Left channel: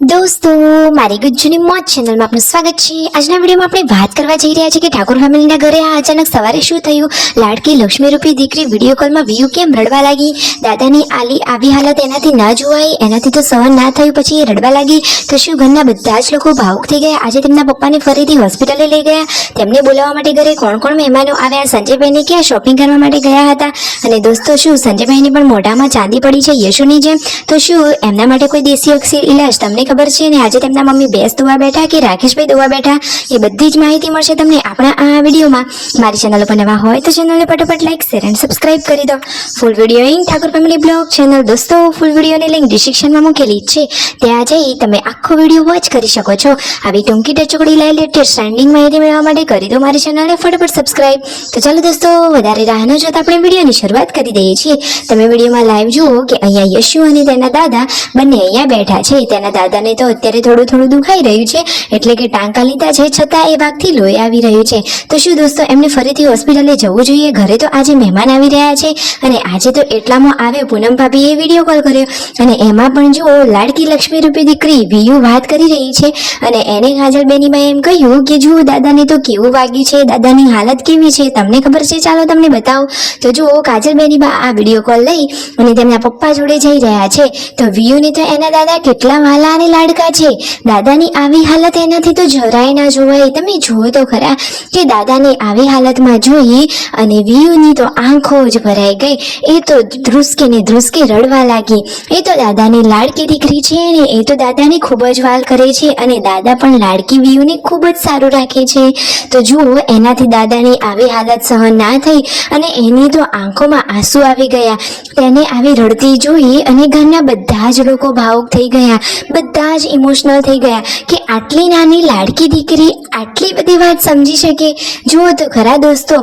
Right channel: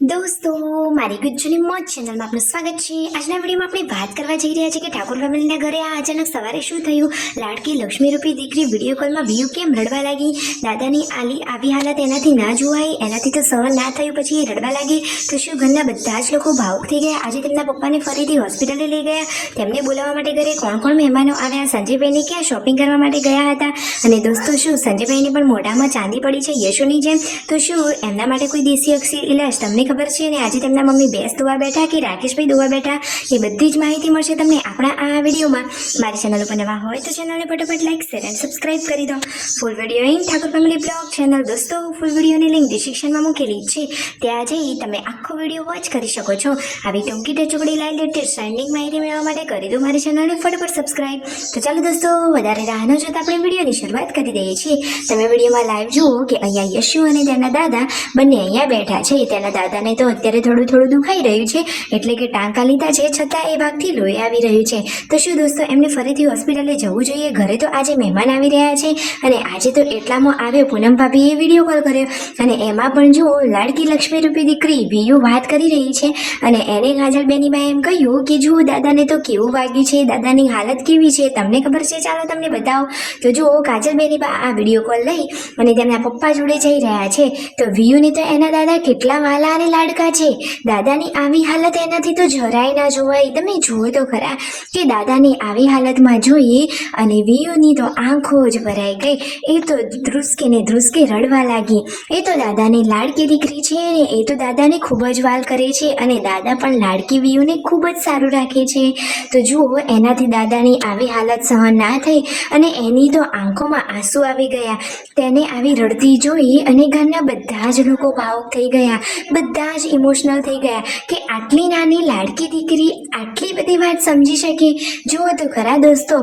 દોસ્તો મારી ગુજ્જુની મોજ ચેનલમાં આપનું સ્વાગત છે। આજના વિડીયોમાં આપણે વાત કરવા જઈ રહ્યા છીએ કે ઠાકોર ફેમિલીના ઘરે આ અચાનક સવારે શું થયું। લાડકી લક્ષ્મી રૂપી દીકરી વિડીયો કોલમાં વ્યૂ કેમ રડવા લાગી। દાદાની આવી હાલત એનાથી ના જોવાય, એનાથી તો સહન ના થયું, પછી એ રડવા લાગી તો શું ઘરના બધા જ લોકો ભાવુક થઈ ગયા। આજે તેમના પપ્પાને ફરીથી હોસ્પિટલે લઈ ગયા। તેમને બોલાવવા માટે ઘરે કોણ કોણ મહેમાનો આવ્યા। સંજયભાઈને ક્યાં શોપિંગ કરવા માટે ગયા હતા। અને દોસ્તો શું સંજયભાઈની પણ મોઢામાં ચાંદી પડી છે યશુની જેમ। તો શું એમના માટે કોઈ દેશી અક્ષી ઇલાજ તમને ખબર છે। ને આજે તેમના મમ્મી ભેંસ દોવા બેઠા કે રાકેશભાઈ દોવા બેઠા એ બધી જ માહિતી મળશે તમને આપણા આ વિડીયોમાં। મારી ચેનલ પર નવા હોય તો ચેનલને ફટાફટ લાઈક શેર એન્ડ સબસ્ક્રાઇબ કરી દો। Full video in Thakor family blog channel દોસ્તો ફૂલ વિડીયોની લિંક ડિસ્ક્રિપ્શનમાં મૂકેલી છે, ત્યાં જઈ તમે આખો વિડીયો વોચ કરી શકો છો। આવી ટૂંકી ટચોકડી લેટેસ્ટ ટ્રેન્ડિંગ માહિતી મેળવવા માટે કરી દો મારી ચેનલને ફટાફટ સબસ્ક્રાઇબ। તો ચાલો દોસ્તો વધારે રાહ ન જોતા આપણે વિડીયોની શરૂઆત કરી દઈએ છીએ। તમે વિડીયોમાં લાઈવ જુઓ કે અહીંયા યશુ અને તેના દાદા બંને અહીંયા બેઠા છે। તેના દાદાને તો અત્યારે થોડું દુખાઈ રહ્યું છે, એટલે કે ટાંકા લીધા છે છતાં એ ભાગથી લોહી આવી રહ્યું છે। તો શું દોસ્તો એમને ફરીથી હોસ્પિટલે જવું જોઈએ। ઘરે તો આજે મહેમાન આવી રહ્યા છે અને આજે તો એટલામાં આવ્યો પૂનમ ભાભીએ વિડીયો કોલ કર્યો અને એમાં પણ જુઓ લાડકી લક્ષ્મી રૂપી દીકરી વિયુ વાત કરી રહી છે અને એને કાજલ બેનીમાં એમ કહ્યું કે જુઓ દાદાને તો કેવું વાગ્યું છે, દાદાની હાલત કેવી છે તમને ખબર છે, ચાલો તમને બતાવો। તો જુઓ કાજલ બેનીબા આ વિડીયો કોલ લઈ અને તેમના પપ્પા જોડે જઈ રહ્યા છે। તો વિયુને તો એના દાદા કેટલા વાલા અને લાડકા છે। દાદાની આવી હાલત એનાથી તો જરાય ના જોવાય। તમે જુઓ તો ખરા કે દાદાની આવી હાલતમાં જોઈ અને વિયુની તો આંખો જ ભરાઈ ગઈ। એ તો ધ્રુસકે ને ધ્રુસકે રડવા લાગી। એ તો દાદાની લાડકી દીકરી છે ને એ તો દાદાને ખૂબ જ વાલ કરે છે અને દાદા પણ લાડકી વિયુને ખૂબ જ સારું રાખે છે। તો જુઓ એનાથી દાદાની આવી હાલત સહન ના થઈ અને એની તો આંખોમાં આંસુ આવી ગયા। તેને આવી રડતી જોઈ અને ઘરના બધા જ લોકો ભાવુક થઈ ગયા, બધા જ ઇમોશનલ થઈ ગયા કે આટલી નાની લાડકી દીકરી આટલી બધી વાત સમજી શકે। જુઓ તો ખરા દોસ્તો,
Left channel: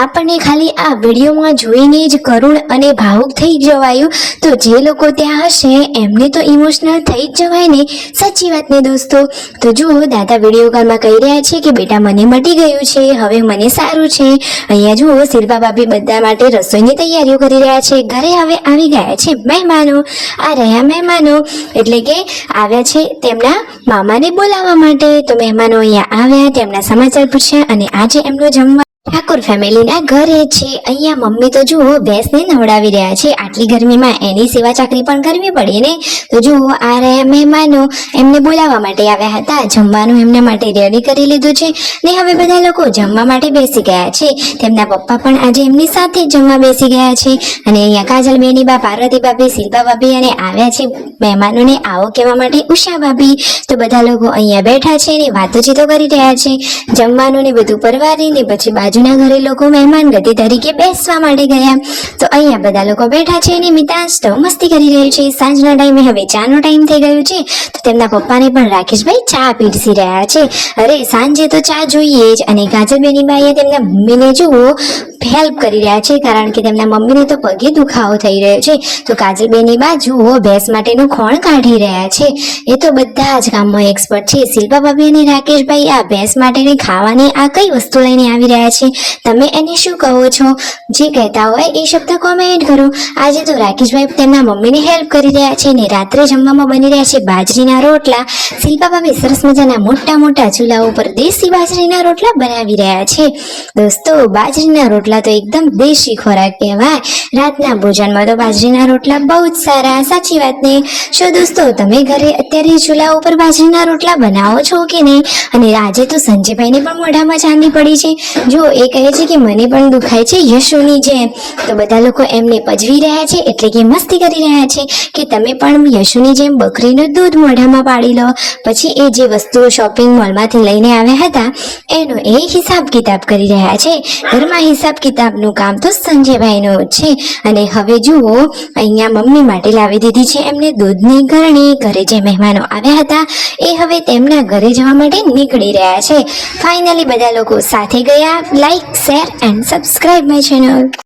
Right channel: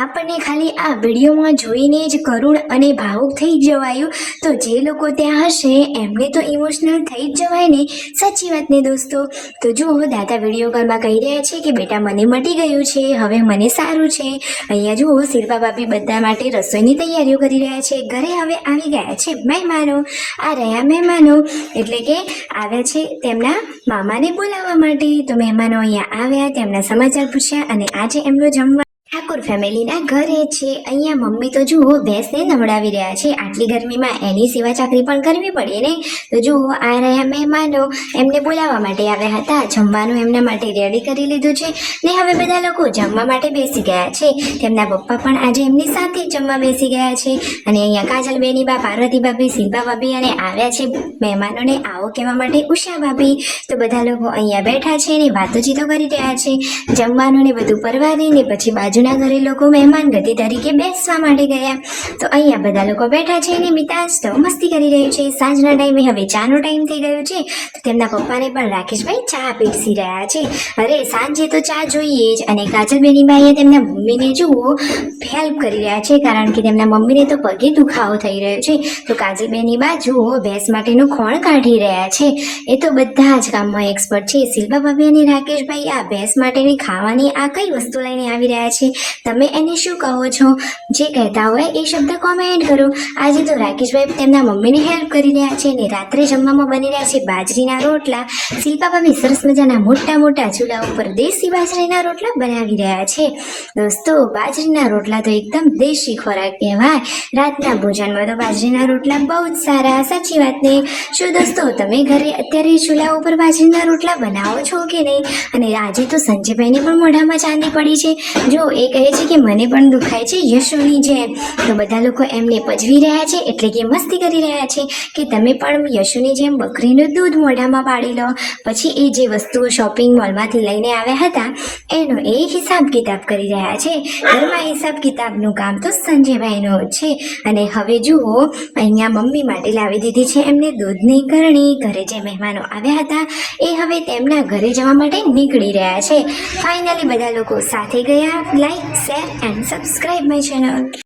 આપણને ખાલી આ વિડીયોમાં જોઈને જ કરુણ અને ભાવુક થઈ જવાયું, તો જે લોકો ત્યાં હશે એમને તો ઇમોશનલ થઈ જ જવાય ને, સાચી વાત ને દોસ્તો। તો જુઓ દાદા વિડીયો કોલમાં કહી રહ્યા છે કે બેટા મને મટી ગયું છે, હવે મને સારું છે। અહીંયા જુઓ શિલ્પા ભાભી બધા માટે રસોઈની તૈયારીઓ કરી રહ્યા છે। ઘરે હવે આવી ગયા છે મહેમાનો। આ રહ્યા મહેમાનો એટલે કે આવ્યા છે તેમના મામાને બોલાવવા માટે। તો મહેમાનો અહીંયા આવ્યા, તેમના સમાચાર પૂછ્યા અને આજે એમનો જમવા ઠાકોર ફેમિલીના ઘરે છે। અહીંયા મમ્મી તો જુઓ ભેંસને નવડાવી રહ્યા છે, આટલી ગરમીમાં એની સેવા ચાકરી પણ કરવી પડે ને। તો જુઓ આ રહ્યા મહેમાનો, એમને બોલાવવા માટે આવ્યા હતા, જમવાનું એમના માટે રેડી કરી લીધું છે ને હવે બધા લોકો જમવા માટે બેસી ગયા છે। તેમના પપ્પા પણ આજે એમની સાથે જમવા બેસી ગયા છે અને અહીંયા કાજલ બેનીબા, પાર્વતી ભાભી, શિલ્પા ભાભી અને આવ્યા છે મહેમાનોને આવો કહેવા માટે ઉષા ભાભી। તો બધા લોકો અહીંયા બેઠા છે ને વાતોચીતો કરી રહ્યા છે, જમવાનું ને બધું પરવારીને પછી બાજુના ઘરે લોકો મહેમાન ગતિ તરીકે બેસવા માટે ગયા। તો અહીંયા બધા લોકો બેઠા છે અને મિતાંશ તો મસ્તી કરી રહ્યું છે। સાંજના ટાઈમે હવે ચાનો ટાઈમ થઈ ગયો છે, તો તેમના પપ્પાને પણ રાકેશભાઈ ચા પીરસી રહ્યા છે। અરે સાંજે તો ચા જોઈએ જ। અને કાજલબેનીબા અહીંયા તેમના મમ્મીને જુઓ હેલ્પ કરી રહ્યા છે, કારણ કે તેમના મમ્મીને તો પગે દુખાવો થઈ રહ્યો છે। તો કાજલબેનીબા જુઓ ભેંસ માટેનો ખોણ કાઢી રહ્યા છે। એ તો બધા જ કામમાં એક્સપર્ટ છે। શિલ્પા ભાભી અને રાકેશભાઈ આ ભેંસ માટેની ખાવાની આ કઈ વસ્તુ લઈને આવી રહ્યા છે, તમે એને શું કહો છો? જે કહેતા હોય એ શબ્દ કોમેન્ટ કરો। આજે તો રાકેશભાઈ તેમના મમ્મીને હેલ્પ કરી રહ્યા છે ને રાત્રે જમવામાં બની રહ્યા છે બાજરીના રોટલા। શિલ્પા ભાભી સરસ મજાના મોટા મોટા ચૂલા ઉપર દેશી બાજરીના રોટલા બનાવી રહ્યા છે। દોસ્તો બાજરીના રોટલા તો એકદમ દેશી ખોરાક કહેવાય। રાતના ભોજનમાં તો બાજરીના રોટલા બહુ જ સારા, સાચી વાત ને? શું દોસ્તો તમે ઘરે અત્યારે ચૂલા ઉપર બાજરીના રોટલા બનાવો છો કે નહીં? અને આજે તો સંજયભાઈને પણ મોઢામાં ચાંદી પડી છે। જો એ કહે છે કે મને પણ દુખાય છે યશુની જેમ। તો બધા લોકો એમને પજવી રહ્યા છે, એટલે કે મસ્તી કરી રહ્યા છે કે તમે પણ યશુની જેમ બકરીનું દૂધ મોઢામાં પાડી લો। પછી એ જે વસ્તુઓ શોપિંગ મોલમાંથી લઈને આવ્યા હતા એનો એ હિસાબ કિતાબ કરી રહ્યા છે। ઘરમાં હિસાબ કિતાબનું કામ તો સંજયભાઈનું છે। અને હવે જુઓ અહીંયા મમ્મી માટે લાવી દીધી છે એમને દૂધની ગરણી। ઘરે જે મહેમાનો આવ્યા હતા એ હવે તેમના ઘરે જવા માટે નીકળી રહ્યા છે। ફાઇનલી બધા લોકો સાથે ગયા। Like share and subscribe my channel.